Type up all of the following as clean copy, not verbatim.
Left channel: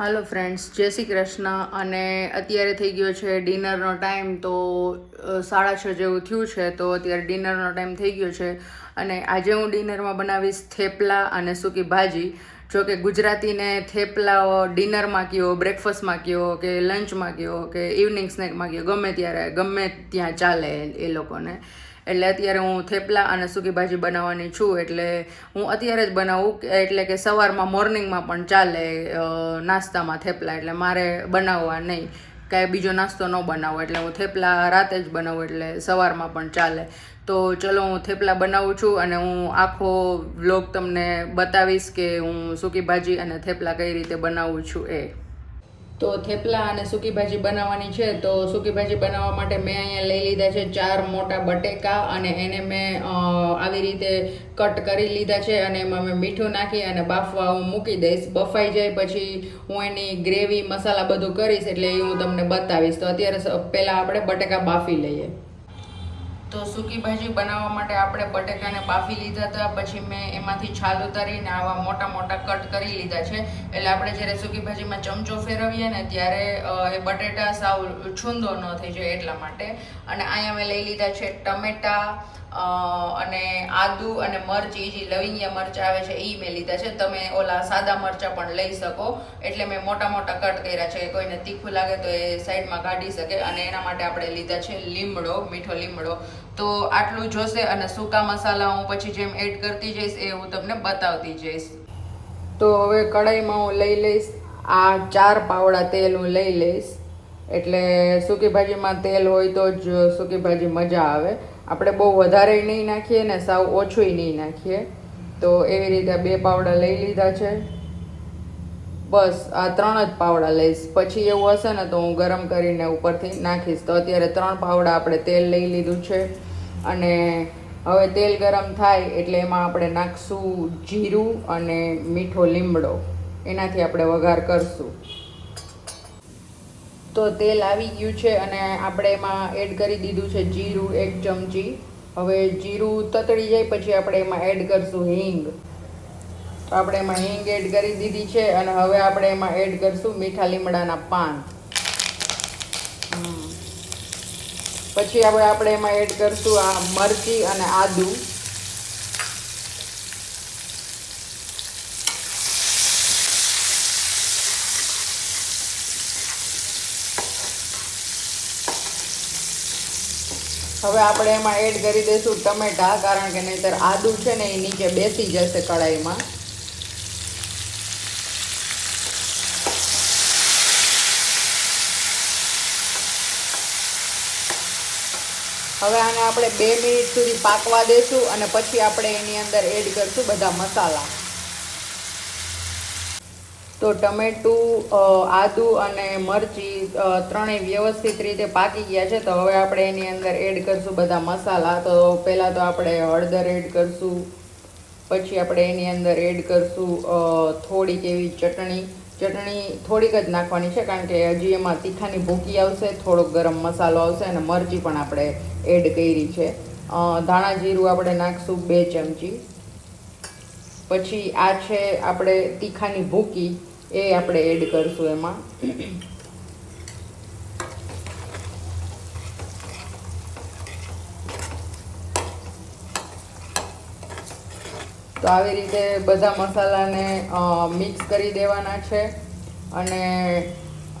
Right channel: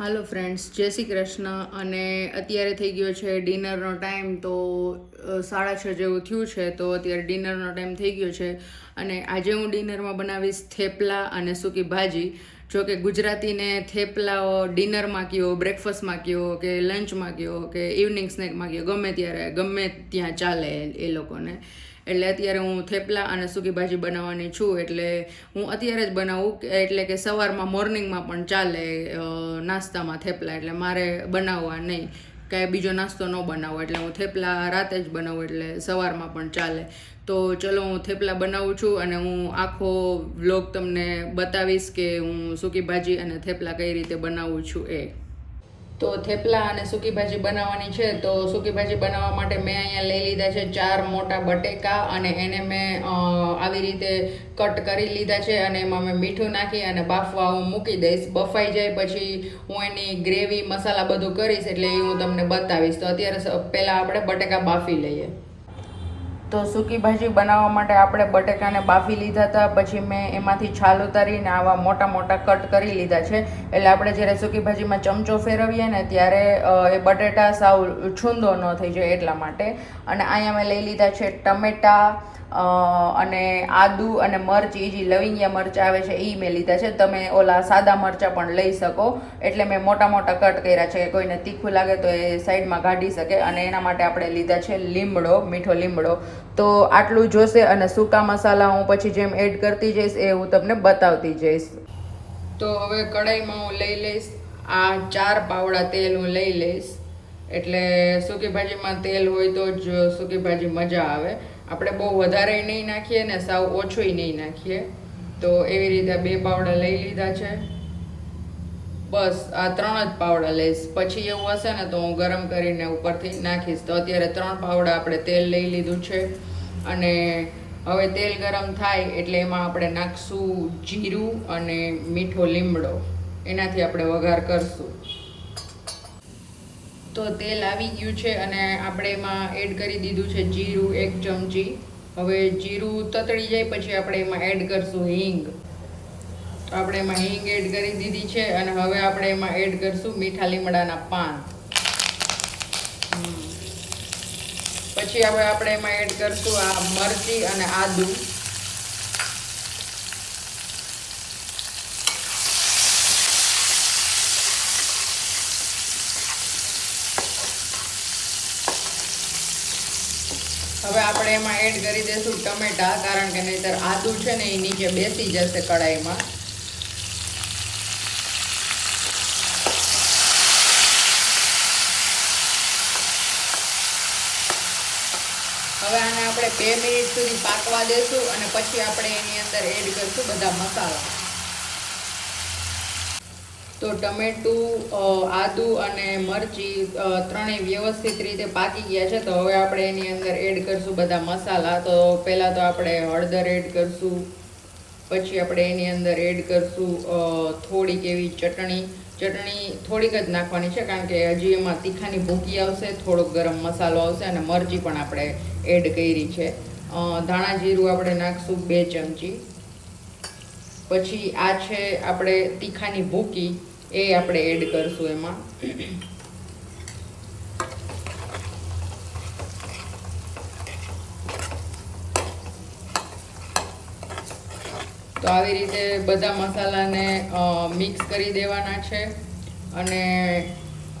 હાલો friends, જય શ્રી કૃષ્ણ. અને અત્યારે થઈ ગયો છે ડિનરનો ટાઈમ. તો 6:30 જેવું થયું છે. તો અત્યારે ડિનરનો ટાઈમ થઈ ગયો છે અને આજે હું ડિનરમાં બનાવીશ થેપલા અને સૂકી ભાજી. જો કે ગુજરાતીને થેપલા ડિનરમાં કયો, બ્રેકફાસ્ટમાં કયો કે લંચમાં કયો કે ઇવનિંગ સ્નેકમાં કયો, ગમે ત્યાં ચાલે એ લોકોને. એટલે અત્યારે હું થેપલા અને સૂકી ભાજી બનાવવાની છું. એટલે હું અત્યારે જ બનાવું, એટલે કે સવારમાં મોર્નિંગમાં પણ ચાલે નાસ્તામાં થેપલા. એટલે મારે બનાવવા નહીં, કાંઈ બીજો નાસ્તો ન બનાવો. એટલે હું થેપલા રાતે જ બનાવું, એટલે સવારમાં પણ ચાલે. તો ચલો, હું થેપલા બનાવું છું અને હું આખો વ્લોગ તમને બતાવીશ કે હું સૂકી ભાજી અને થેપલા કઈ રીતે બનાવું છું એ. તો થેપલા અને સૂકી ભાજી બનાવવાની છે. તો સૂકી ભાજી બનાવવા માટે મેં અહીંયા લઈ લીધા છે 4 મોટા બટેકા અને એને મેં આવી રીતે કટ કરી લીધા છે અને એમાં મેં મીઠું નાખી અને બાફવા હું મૂકી દઈશ. બફાઈ જાય પછી હું એની ગ્રેવી મસાલા બધું કરીશ, એટલે એ હું તમને બતાવીશ. તો અત્યારે પહેલાં આપણે બટેકા બાફી લઈએ. તો સૂકી ભાજી બનાવવા માટે આપણે બટેકાને બાફી લીધા હતા. પછી મેં એમાંથી છાલ ઉતારીને આવા મોટા મોટા કટ કરી લીધા છે. એટલે આપણે જ્યારે સૂકી ભાજીમાં ચમચો ફેરવીએ ને ત્યારે એ બટેટા સાવ છૂંદો ન થઈ જાય એટલા માટે. અને અહીંયા મેં લઈ લીધા છે ટમેટા અને આદુ અને મરચી, જે લવિંગિયા મરચાં આવે છે એ મેં લીધા છે. તમે ઓલા સાદા મરચાં પણ લઈ શકો. એટલે મેં મોટા મોટા કટ કર્યા છે. કોઈને તીખું લાગે તો એ સાઈડમાં કાઢી શકે. અને એના માટે આપણે લીધા છે લીમડો, મીઠો લીમડો. તો આટલું જોશે. અને સૂકા મસાલા હું પછી જેમ એડ કરતી જઈશ એ હું તમને બતાવતી જઈશ. તો હવે કઢાઈમાં હું લઈ લઈશ આ 4 પાવડા તેલ હું લઈ લઈશ. એટલે સૂકી ભાજીમાં તેલ હોય તો જ સૂકી ભાજી મજા આવે. આપણે બહુ વધારે નહીં નાખીએ ને સાવ ઓછુંય નહીં નાખીએ. તો એવી રીતે 2 પાવડા લઈ લીધા છે. બસ આ 3 જ પાવડા લઈશ. પછી એવું હશે ને તો હું ગરમ કરીને ઉપરથી નાખીશ. તો અત્યારે 3 પાવડા આપણે તેલ લઈ લીધું છે. અને હવે તેલ ગરમ થાય એટલે એમાં આપણે નાખશું જીરું અને મીઠો લીમડો. એનાથી આપણે વઘાર કરશું. તો તેલ આવી ગયું છે અને આપણે એમાં એડ કરી દીધું છે જીરું 1 ચમચી. હવે જીરું તતડી જાય પછી આપણે એમાં એડ કરશું હિંગ. તો આપણે એમાં હિંગ એડ કરી દીધી છે. અને હવે આપણે એમાં એડ કરશું મીઠા લીમડાના પાન. પછી હવે આપણે એમાં એડ કરશું આ મરચી અને આદુ. હવે આપણે એમાં એડ કરી દઈશું ટમેટા, કારણ કે નહીંતર આદુ છે ને એ નીચે બેસી જશે કઢાઈમાં. હવે આને આપણે 2 મિનિટ સુધી પાકવા દેશું અને પછી આપણે એની અંદર એડ કરશું બધા મસાલા. તો ટમેટું, આદુ અને મરચી ત્રણેય વ્યવસ્થિત રીતે પાકી ગયા છે. તો હવે આપણે એની અંદર એડ કરશું બધા મસાલા. તો પહેલાં તો આપણે હળદર એડ કરશું. પછી આપણે એની અંદર એડ કરશું થોડીક એવી ચટણી થોડીક જ નાખવાની છે, કારણ કે હજી એમાં તીખાની ભૂકી આવશે, થોડોક ગરમ મસાલો આવશે અને મરચી પણ આપણે એડ કરી છે. ધાણા જીરું આપણે નાખશું 2 ચમચી. પછી આ છે આપણે તીખાની ભૂકી, એ આપણે એડ કરશું એમાં. તો આવી રીતે બધા મસાલાને મિક્સ કરી દેવાના છે. અને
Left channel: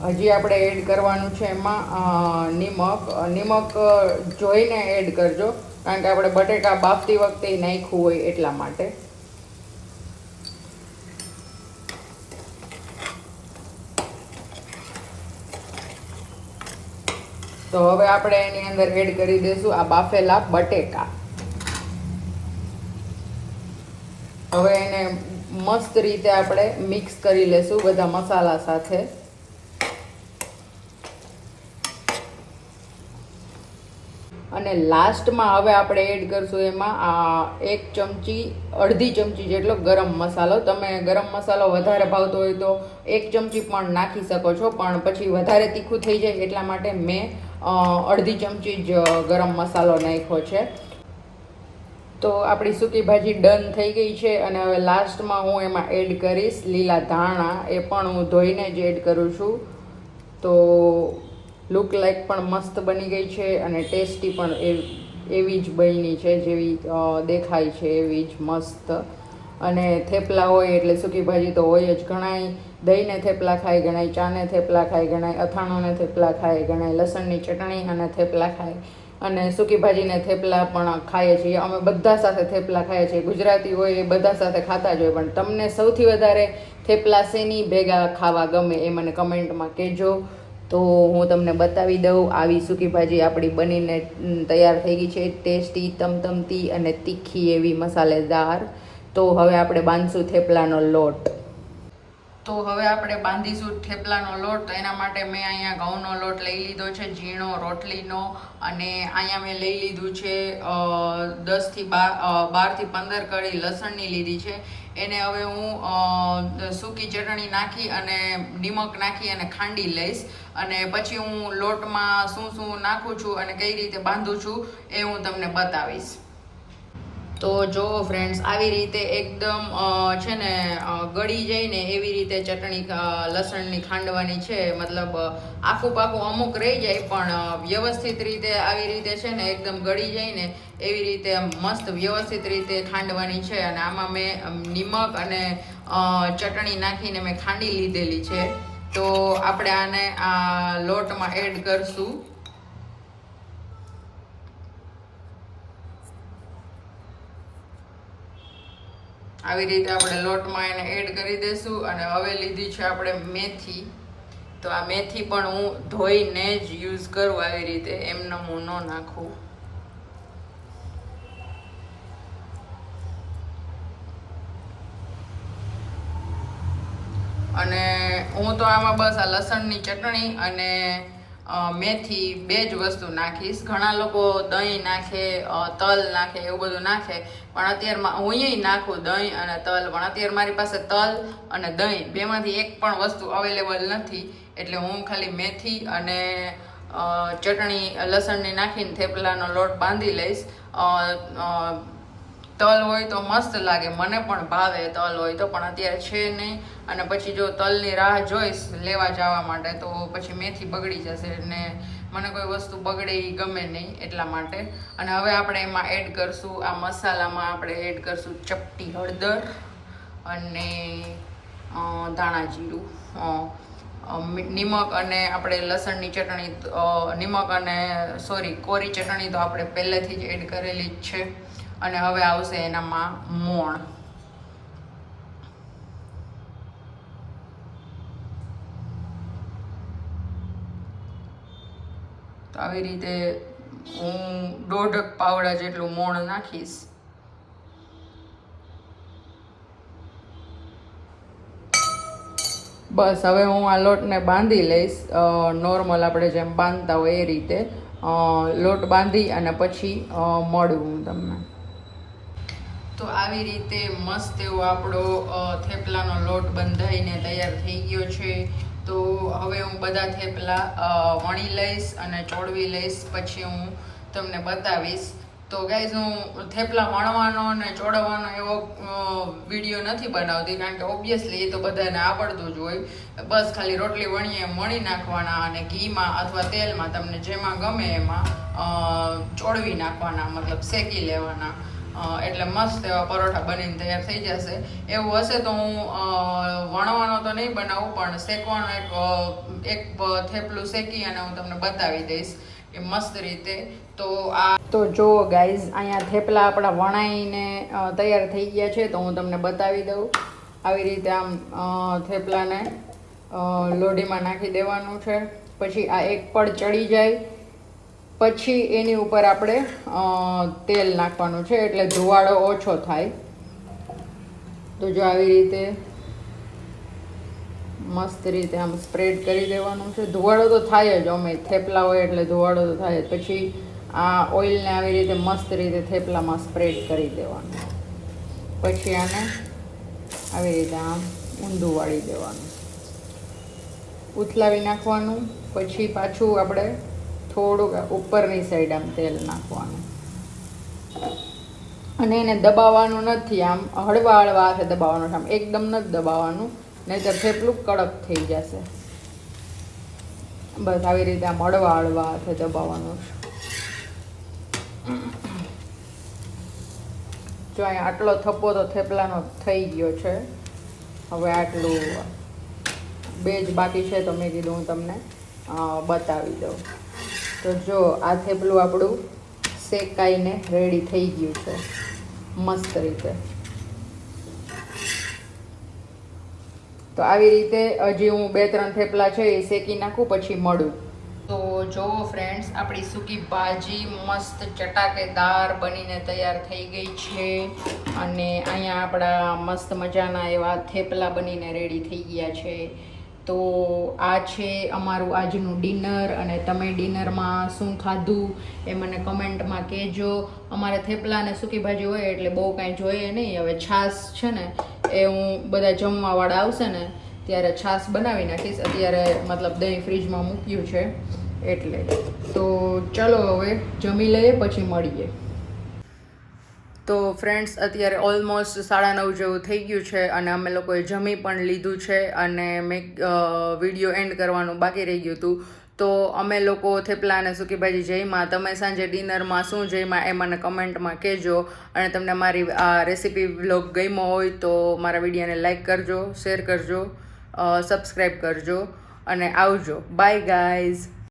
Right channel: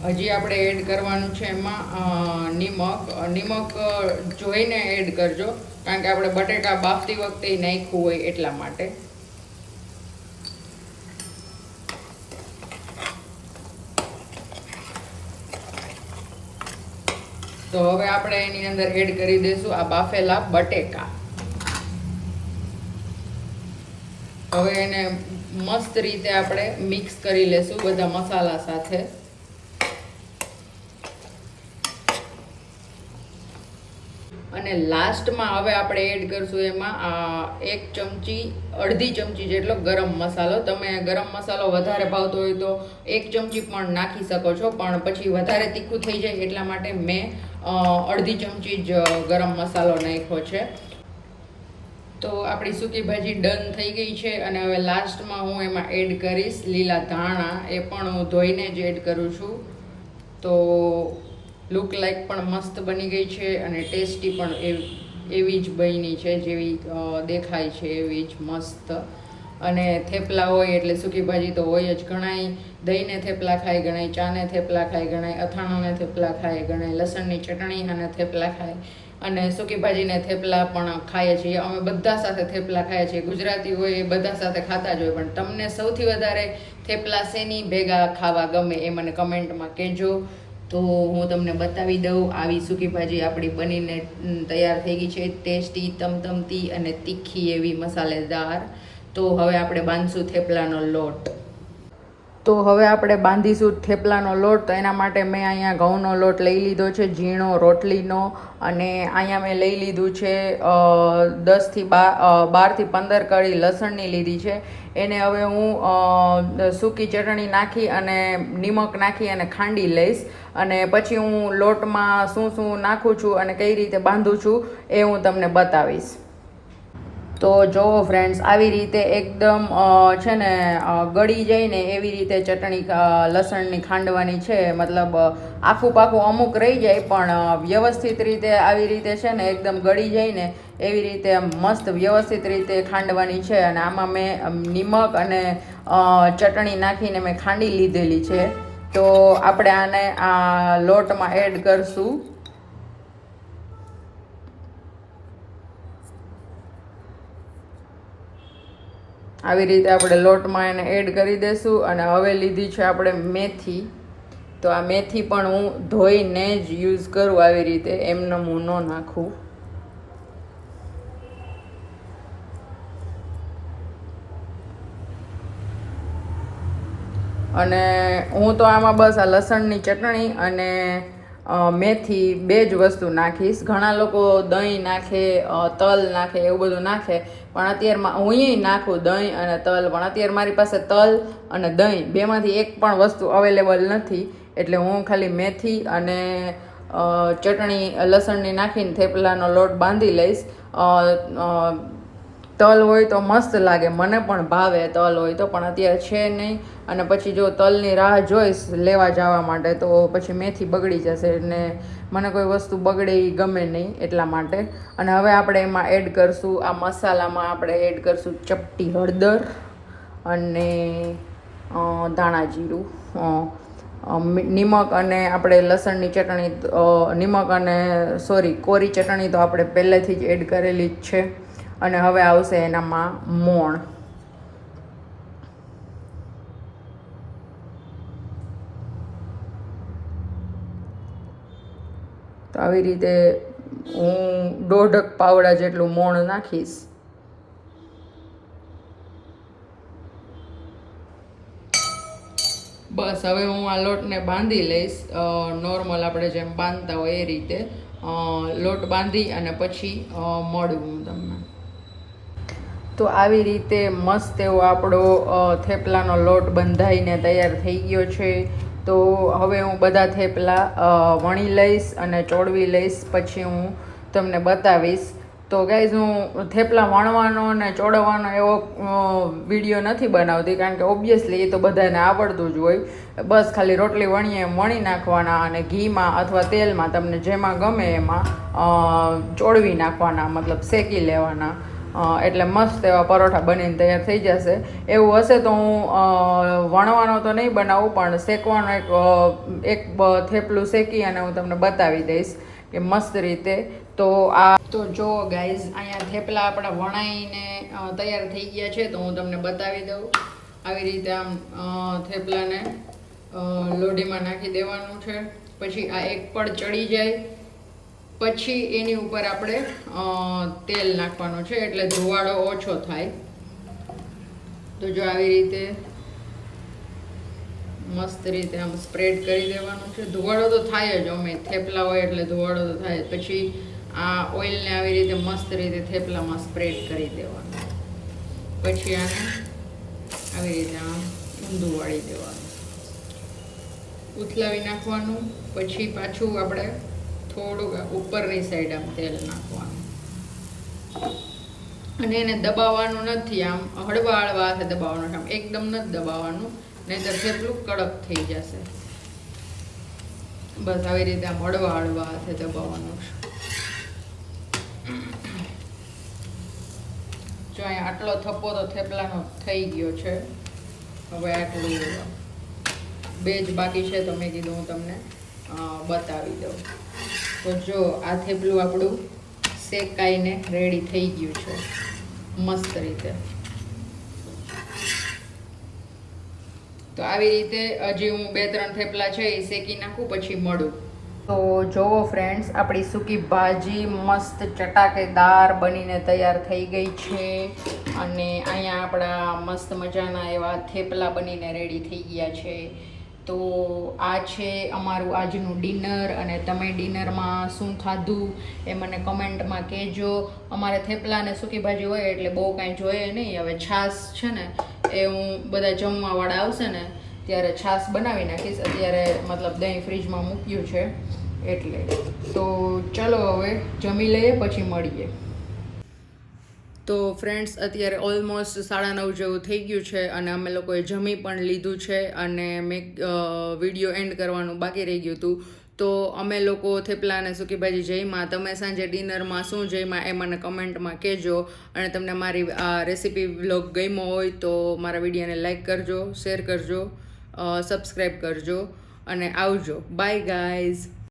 હજી આપણે એડ કરવાનું છે એમાં નિમક જોઈને એડ કરજો, કારણ કે આપણે બટેકા બાફતી વખતે નાખ્યું હોય એટલા માટે. તો હવે આપણે એની અંદર એડ કરી દઈશું આ બાફેલા બટેકા. હવે એને મસ્ત રીતે આપણે મિક્સ કરી લેશું બધા મસાલા સાથે. અને લાસ્ટમાં હવે આપણે એડ કરશું એમાં 1 ચમચી જેટલો ગરમ મસાલો. તમે ગરમ મસાલો વધારે ભાવતો હોય તો 1 ચમચી પણ નાખી શકો છો, પણ પછી વધારે તીખું થઈ જાય એટલા માટે મેં 1/2 ચમચી જ ગરમ મસાલો નાખ્યો છે. તો આપણી સૂકી ભાજી ડન થઈ ગઈ છે અને હવે લાસ્ટમાં હું એમાં એડ કરીશ લીલા ધાણા. એ પણ હું ધોઈને જ એડ કરું છું. તો લુક લાઈક પણ મસ્ત બની ગઈ છે અને ટેસ્ટી પણ એવી જ બની છે જેવી દેખાય છે એવી જ મસ્ત. અને થેપલા હોય એટલે સૂકી ભાજી તો હોય જ. ઘણાય દહીંને થેપલા ખાય, ઘણાય ચાને થેપલા ખાય, ઘણાય અથાણાંને થેપલા ખાય, ઘણાય લસણની ચટણી અને થેપલા ખાય અને સૂકી ભાજીને થેપલા પણ ખાઈએ છીએ. અમે બધા સાથે થેપલા ખાઈએ છીએ. ગુજરાતી હોય એ બધા સાથે ખાતા જ હોય. પણ તમને સૌથી વધારે થેપલા શેની ભેગા ખાવા ગમે એ મને કમેન્ટમાં કહેજો. તો હું તમને બતાવી દઉં. આવી સૂકી ભાજી આપણી બનીને તૈયાર થઈ ગઈ છે. ટેસ્ટી, તમતમતી અને તીખી એવી મસાલેદાર. તો હવે આપણે બાંધશું થેપલાનો લોટ. તો હવે આપણે બાંધીશું થેપલાનો લોટ. તો એના માટે મેં અહીંયા ઘઉંનો લોટ લઈ લીધો છે, ઝીણો રોટલીનો. અને અહીંયા મેં લઈ લીધું છે 12 થી 15 કળી લસણની લીધી છે. એને હવે હું સૂકી ચટણી નાખી અને નિમક નાખી અને ખાંડી લઈશ. અને પછી હું લોટમાં શું શું નાખું છું અને કઈ રીતે બાંધું છું એ હું તમને બતાવીશ. તો જો ફ્રેન્ડ્સ, આવી રીતે એકદમ છે ને ગળી જાય ને એવી રીતે ચટણી લસણની ખાંડવાની છે. મતલબ આખું પાકું અમુક રહી જાય પણ વ્યવસ્થિત રીતે આવી રીતે છે ને એકદમ ગળી જાય ને એવી રીતે મસ્ત વ્યવસ્થિત રીતે ખાંડવાની છે. અને આમાં મેં નિમક અને ચટણી નાખીને મેં ખાંડી લીધેલી છે. તો આપણે આને આ લોટમાં એડ કરશું. આવી રીતે આપણે લોટમાં એને એડ કરી દઈશું. અને હવે લીધી છે આપણે મેથી. તો આ મેથી પણ હું ધોઈને જ યુઝ કરું આવી રીતે, એમને હું ન નાખું. અને હું તો આમાં બસ આ લસણની ચટણી અને મેથી બે જ વસ્તુ નાખીશ. ઘણા લોકો દહીં નાખે, તલ નાખે, એવું બધું નાખે. પણ અત્યારમાં હું નાખું દહીં અને તલ. પણ અત્યારે મારી પાસે તલ અને દહીં બેમાંથી એક પણ વસ્તુ અવેલેબલ નથી. એટલે હું ખાલી મેથી અને ચટણી લસણની નાખીને થેપલાનો લોટ બાંધી લઈશ. તલ હોય તો મસ્ત લાગે, મને પણ ભાવે તલ હોય તો. પણ અત્યારે છે નહીં. અને પછી જો તલની રાહ જોઈશ લેવા જવા માટે તો પછી મેથી બગડી જશે. ને મને કોઈ વસ્તુ બગડે એ ગમે નહીં એટલા માટે. અને હવે આપણે એમાં એડ કરશું આ મસાલામાં આપણે એડ કરશું ચપટી હળદર અને ધાણા જીરું, નિમક અને આપણે લસણની ચટણી, નિમક અને કોરી ચટણી તો આપણે પહેલેથી જ એડ કરેલી જ છે. અને હવે આવશે એનામાં મોણ. તો આવી રીતે હું 1.5 પાવડા જેટલું મોણ નાખીશ. બસ હવે હું આ લોટને બાંધી લઈશ નોર્મલ આપણે જેમ બાંધતા હોય એ રીતે. લોટ બાંધી અને પછી મળું હું તમને. તો આવી રીતે મસ્ત એવો આપણો થેપલાનો લોટ બંધાઈને તૈયાર થઈ ગયો છે. તો હવે હું બધા થેપલા વણી લઈશ અને ચોળવી લઈશ. પછી હું તમને બતાવીશ. તો ગાઈઝ, હું થેપલા વણવાનો અને ચોળવવાનો એવો વિડીયો નથી બનાવતી, કારણ કે ઓબ્વિયસલી એ તો બધાને આવડતું જ હોય. બસ ખાલી રોટલી વણી નાખવાના અને ઘીમાં અથવા તેલમાં તમને જેમાં ગમે એમાં ચોળવી નાખવાના, મતલબ શેકી લેવાના. એટલે મસ્ત એવા પરોઠા બનીને તૈયાર થઈ જશે. એવું હશે તો હું વણવાનો તો નહીં બનાવું, પણ શેકવાનો એક થેપલું શેકી અને હું તમને બતાવી દઈશ કે મસ્ત રીતે. તો જો ગાઈઝ, અહીંયા થેપલા આપણા વણાઈને તૈયાર થઈ ગયા છે. તો હું તમને બતાવી દઉં. આવી રીતે આમ થેપલાને લોઢીમાં નાખી દેવાનું છે. પછી આ એક પડ ચડી જાય પછી એની ઉપર આપણે તેલ નાખવાનું છે, એટલે ધુવાળો ઓછો થાય. તો જો આવી રીતે મસ્ત રીતે આમ સ્પ્રેડ કરી દેવાનું છે. ધુવાળો તો થાય જ, અમે થેપલા હોય એટલે ધુવાળો તો થાય જ. પછી આ ઓઇલને આવી રીતે મસ્ત રીતે થેપલામાં સ્પ્રેડ કરી દેવાનું. પછી આને આવી રીતે આમ ઊંધું વાળી દેવાનું, ઉથલાવી નાખવાનું. પછી પાછું આપણે થોડુંક ઉપરની સાઈડ આમ તેલ નાખવાનું. અને એને દબાવવાનું નથી, આમ હળવા હળવા હાથે દબાવવાનું છે, આમ એકદમ નથી દબાવવાનું, નહીંતર થેપલું કડક થઈ જશે. બસ આવી રીતે આમ હળવા હળવા હાથે દબાવવાનું છે. જો અહીંયા આટલો થપ્પો તો થેપલાનો થઈ ગયો છે. હવે આટલું 2 જ બાકી છે, તો મેં કીધું હું તમને બતાવી દઉં. તો જો આ થેપલું આપણું શેકાઈને રેડી થઈ ગયું છે મસ્ત રીતે. તો આવી રીતે હજી હું 2-3 થેપલા છે એ શેકી નાખું, પછી મળું. તો જોવો ફ્રેન્ડ્સ, આપણી સૂકી ભાજી મસ્ત ચટાકેદાર બનીને તૈયાર થઈ ગઈ છે. અને અહીંયા આપણા મસ્ત મજાના એવા થેપલા બનીને રેડી થઈ ગયા છે. તો આ છે અમારું આજનું ડિનર. અને તમે ડિનરમાં શું ખાધું એ મને કમેન્ટમાં કહેજો. અમારે થેપલા અને સૂકી ભાજી હોય એટલે બહુ કાંઈ જોઈએ નહીં. હવે છાશ છે ને એ હું બધા જમવાવાળા આવશે ને ત્યારે છાશ બનાવી નાખીશ. અત્યારે મતલબ દહીં ફ્રીજમાં મૂક્યું છે એટલે. તો ચલો હવે જમી લઈએ, પછી મળીએ. તો ફ્રેન્ડ્સ, અત્યારે ઓલમોસ્ટ 9:30 જેવું થઈ ગયું છે અને અમે લોકોએ જમી પણ લીધું છે. અને મેં વિડીયો એન્ડ કરવાનું બાકી રહી ગયું હતું. તો અમે લોકો થેપલા અને સૂકી ભાજી જમ્યા. તમે સાંજે ડિનરમાં શું જમ્યા એ મને કમેન્ટમાં કહેજો. અને તમને મારી આ રેસીપી વ્લોગ ગમ્યો હોય તો મારા વિડીયોને લાઈક કરજો, શેર કરજો, સબસ્ક્રાઈબ કરજો અને આવજો. By guys.